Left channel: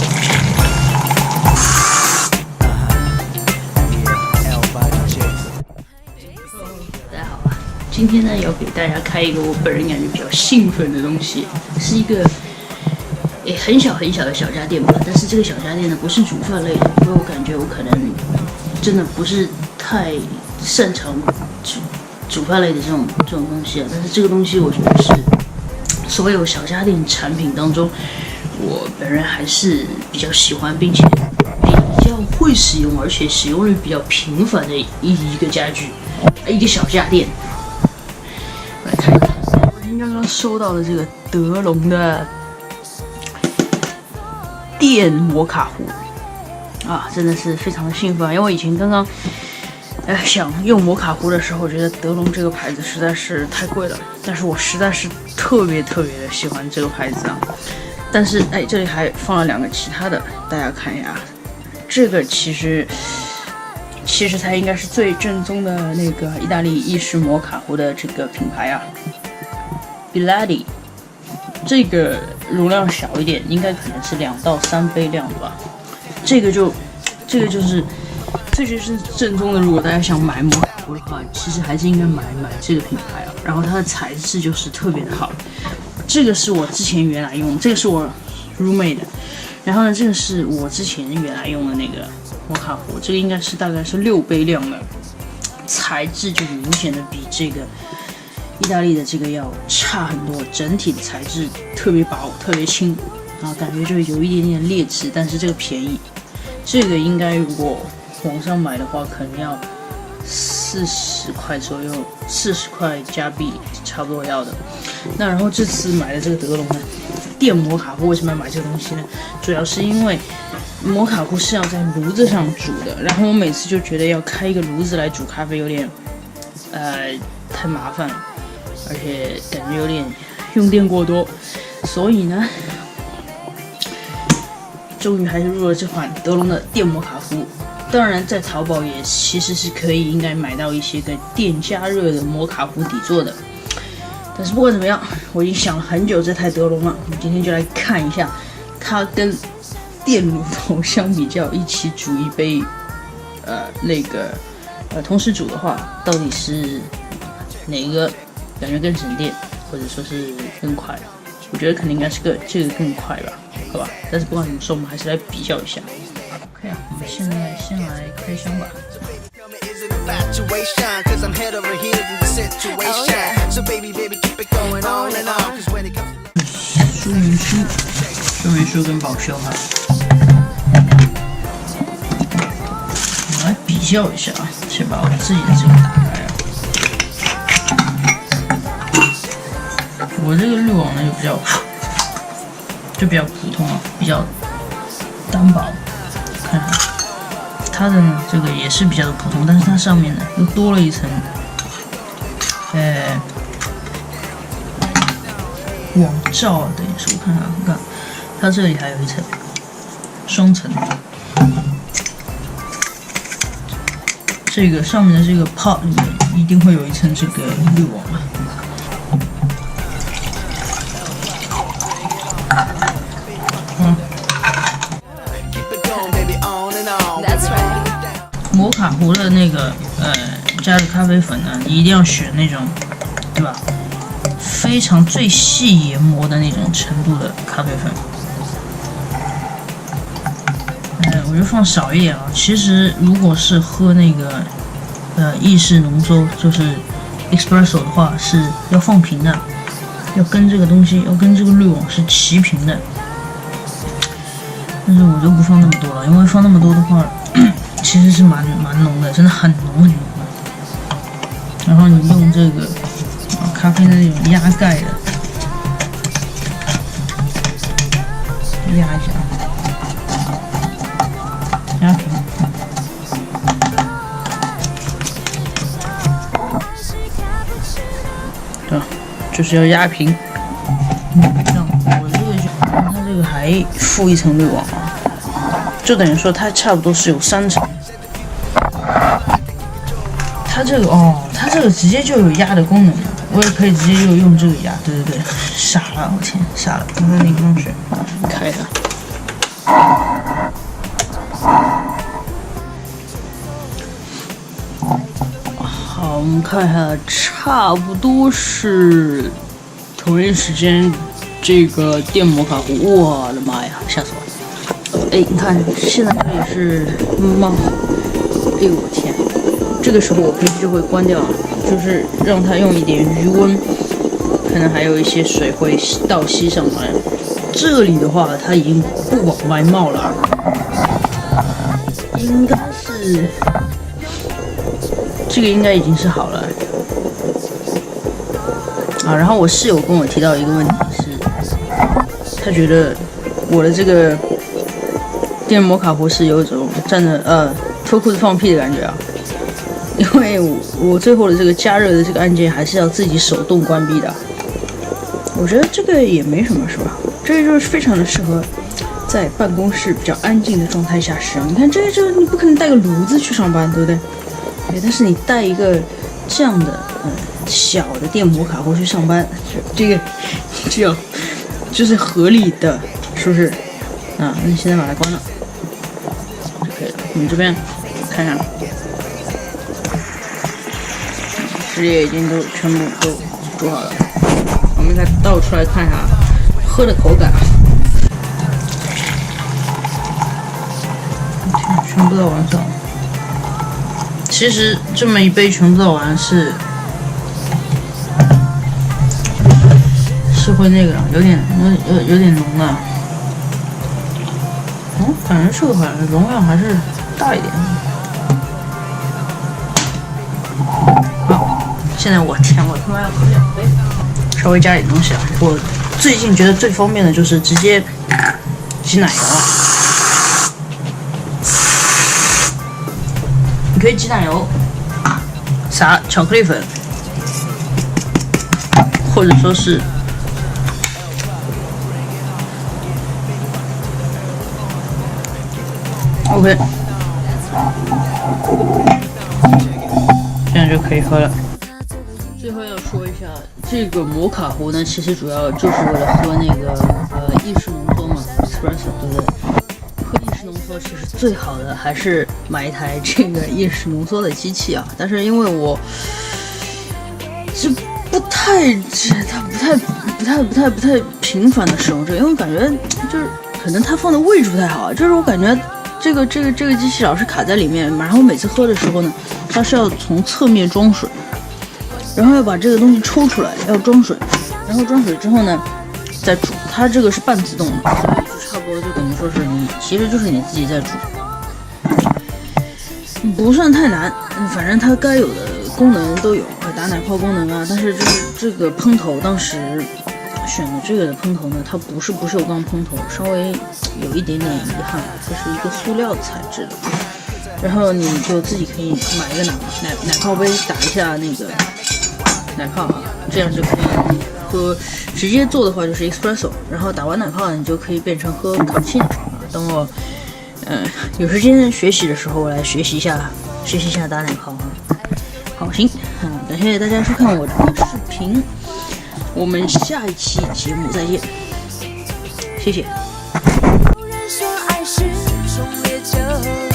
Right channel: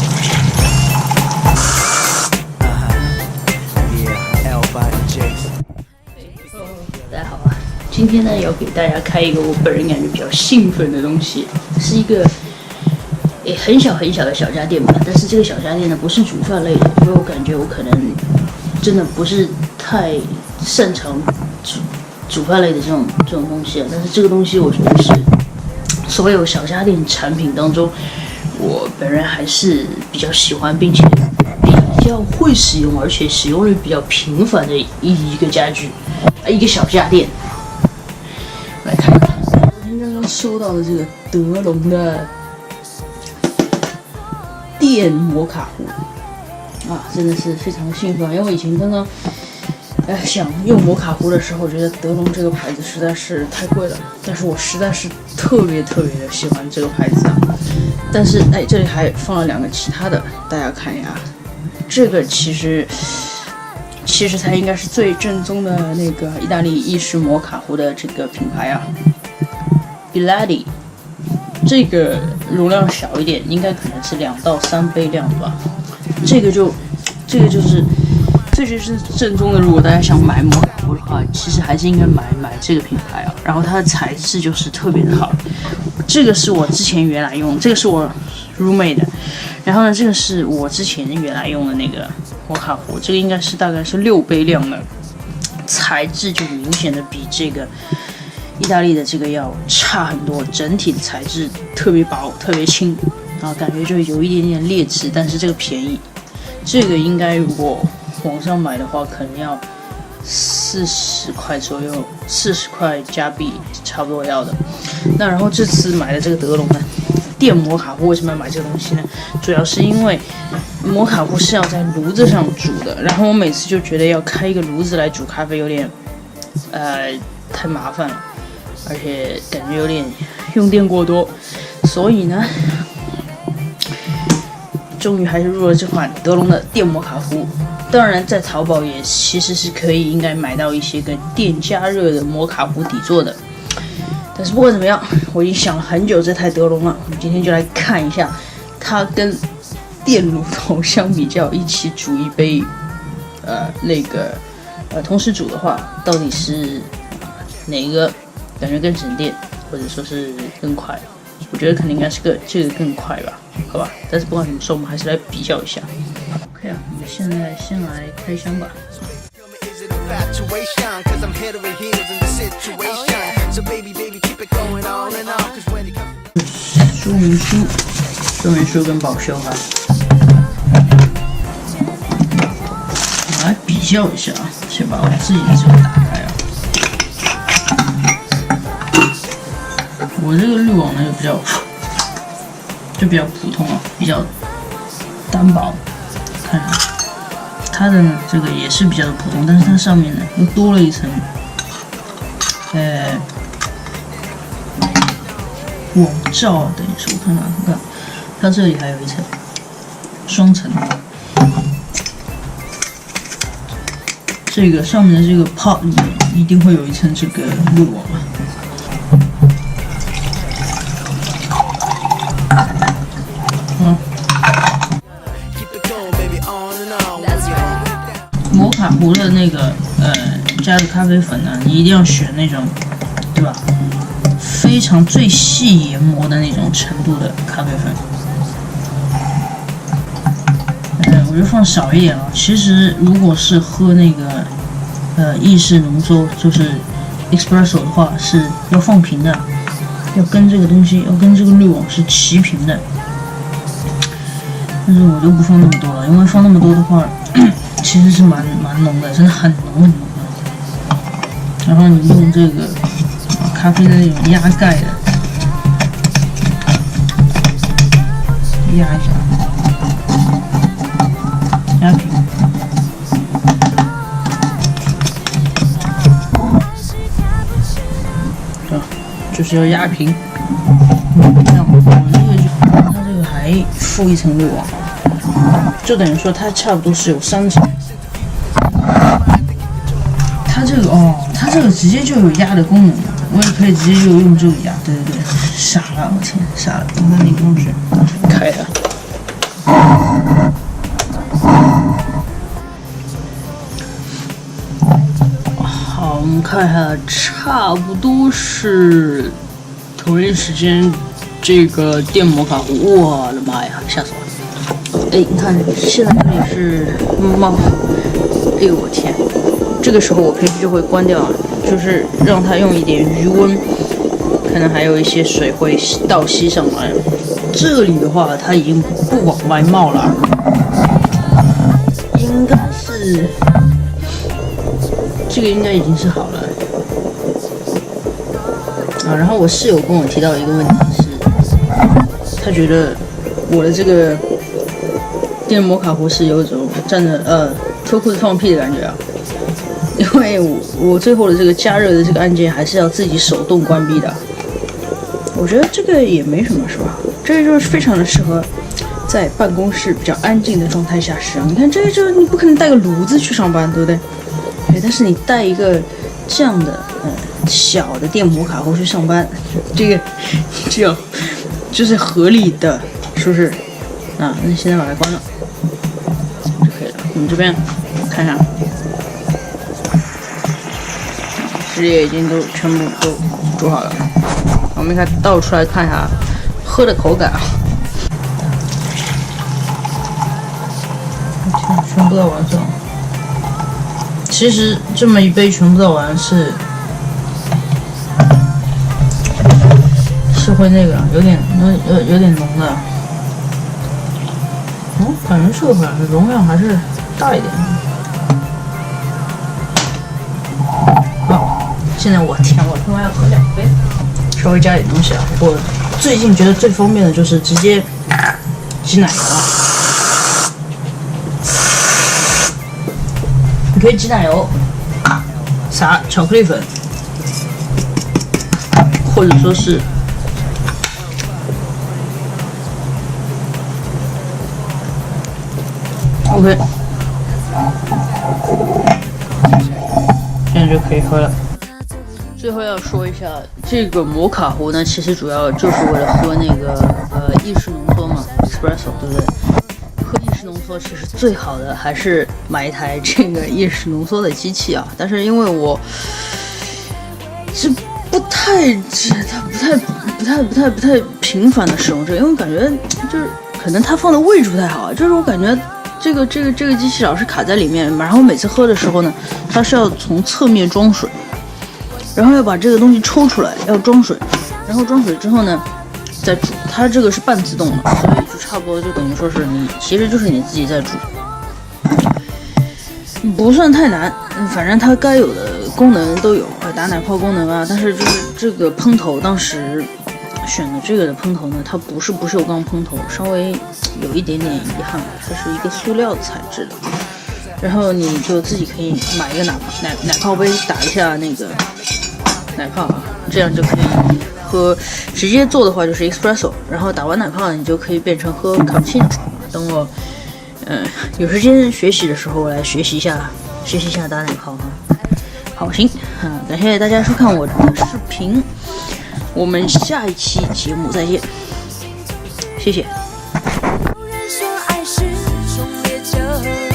大家好啊，今天呢要给大家开一个我本人感觉比较兴奋的东西，是一个很小很小的小家电吧。但是这个小家电呢不是煮饭类的，因为我感觉我可能真的不是太擅长煮饭类的这种东西啊。但是这个东西我觉得是所有小家电产品当中，我本人还是比较喜欢，并且比较会使用，而且使用率比较频繁的一个家具，一个小家电。来看一下，我今天刚刚收到的这个德龙的电摩卡壶啊，真的是非常的兴奋，因为我以前刚刚想用摩卡壶的时候，我觉得德龙这个牌子实在是太贵了，但是我实在是特别的喜欢这个牌子啊。但是这里还放了2个其他的，大家看一下，这个其实才应该是最正宗的那个意大利意式摩卡壶的这个品牌啊 ，Bialetti。这个容量小一点，应该可能是2到3杯量的吧。这个就是正宗的。如果大家想买摩卡壶的话，其实还是应该买这个品牌啊。然后它的材质就是特别的好。这个是我之前原来用，这个是我 roommate 的。然后呢，这个是我之前原来用的那个摩卡壶，这个应该是大概是6杯量的，材质就明显的比这个意大利的这个要差很多，整体的材质特别薄，特别轻啊，感觉就有一点点劣质，但是这个便宜，这个应该如果网上买的话，可能要40块左右，40块加币差不多要的。那然后这次买的这个德龙呢，电摩卡壶，为什么要买这个东西呢？主要是因为摩卡壶是要在炉子上煮的，然后我每次就觉得要开一个炉子来煮咖啡有点太麻烦了，而且感觉有点用电过多，所以呢，终于还是入了这款德龙的电摩卡壶。当然，在淘宝也其实是可以应该买到一些个电加热的摩卡壶底座的。但是不管怎么样，我已经想了很久这台德龙了，我们今天就来看一下它跟电炉头相比较，一起煮一杯同时煮的话，到底是哪个感觉更省电，或者说是更快？我觉得肯定应该是这个更快吧，好吧？但是不管怎么说，我们还是来比较一下。OK 啊，我们现在先来开箱吧。说明书跟保修哈，我来比较一下啊，先把我自己的这个打开啊。我这个滤网呢就比较普通啊，比较单薄。看看它的呢，这个也是比较的普通，但是它上面呢又多了一层网罩啊，等于说我看看，它这里还有一层双层，这个上面的这个 pot 里面一定会有一层这个滤网啊。摩卡壶的那个加的咖啡粉呢，你一定要选那种，对吧？非常最细研磨的那种程度的咖啡粉。我就放少一点啊。其实如果是喝那个意式浓缩，就是 espresso 的话，是要放平的，要跟这个东西，要跟这个滤网是齐平的。但是我就不放那么多了，因为放那么多的话，其实是蛮浓的，真的很浓的。然后你用这个咖啡的那种压盖的压一下，压平，对吧？就是要压平。这样，我这个它这个还附一层滤网，就等于说它差不多是有3层。它这个直接就有压的功能，我也可以直接就用这个压。对，傻了，我天，傻了，刚才那个东西开它。好，我们看一下，差不多是同一时间，这个电摩卡壶，我的妈呀，吓死我了！哎，你看，现在这里是猫，哎呦我天，这个时候我平时就会关掉，就是让它用一点余温，可能还有一些水会倒吸上来。这里的话，它已经不往外冒了，应该是。这个应该已经是好了啊，然后我室友跟我提到一个问题是，他觉得我的这个电摩卡壶是有一种站着脱裤子放屁的感觉啊，因为我最后的这个加热的这个按键还是要自己手动关闭的。我觉得这个也没什么，是吧？这个就是非常的适合在办公室比较安静的状态下使用。你看，这个就是你不可能带个炉子去上班，对不对？对，但是你带一个这样的小的电摩卡壶去上班，这个就是合理的，是不是？啊，那现在把它关了就可以了。我们这边看看，汁液已经都全部都煮好了。我们应该倒出来看一下喝的口感啊。天，全部倒完上。其实这么一杯全部倒完是会那个有点浓的，感觉这个好像容量还是大一点。好，现在我天，我他妈要喝2杯，稍微加点东西啊！我最近觉得最方便的就是直接挤奶油。你可以挤奶油，撒巧克力粉，或者说是OK， 这样就可以喝了。最后要说一下，这个摩卡壶呢，其实主要就是为了喝那个意式浓缩嘛 ，espresso， 对不对？喝意式浓缩其实最好的还是买一台这个意式浓缩的机器啊，但是因为我是不太频繁的使用这个，因为感觉就是可能它放的位置不太好啊，就是我感觉这个机器老是卡在里面，然后每次喝的时候呢，它是要从侧面装水，然后要把这个东西抽出来，要装水，然后装水之后呢再煮，它这个是半自动的，所以就差不多就等于说是其实就是你自己在煮，不算太难，反正它该有的功能都有，打奶泡功能啊，但是就是这个喷头当时选的这个的喷头呢，它不是不锈钢喷头，稍微有一点点遗憾，它是一个塑料材质的，然后你就自己可以买一个奶泡杯，打一下那个奶泡啊，这样就可以喝，直接做的话就是 espresso， 然后打完奶泡你就可以变成喝卡布奇诺啊。等我有时间学习的时候，我来学习一下打奶泡哈。好，行，感谢大家收看我的视频，我们下一期节目再见，谢谢。有人说爱是种烈酒。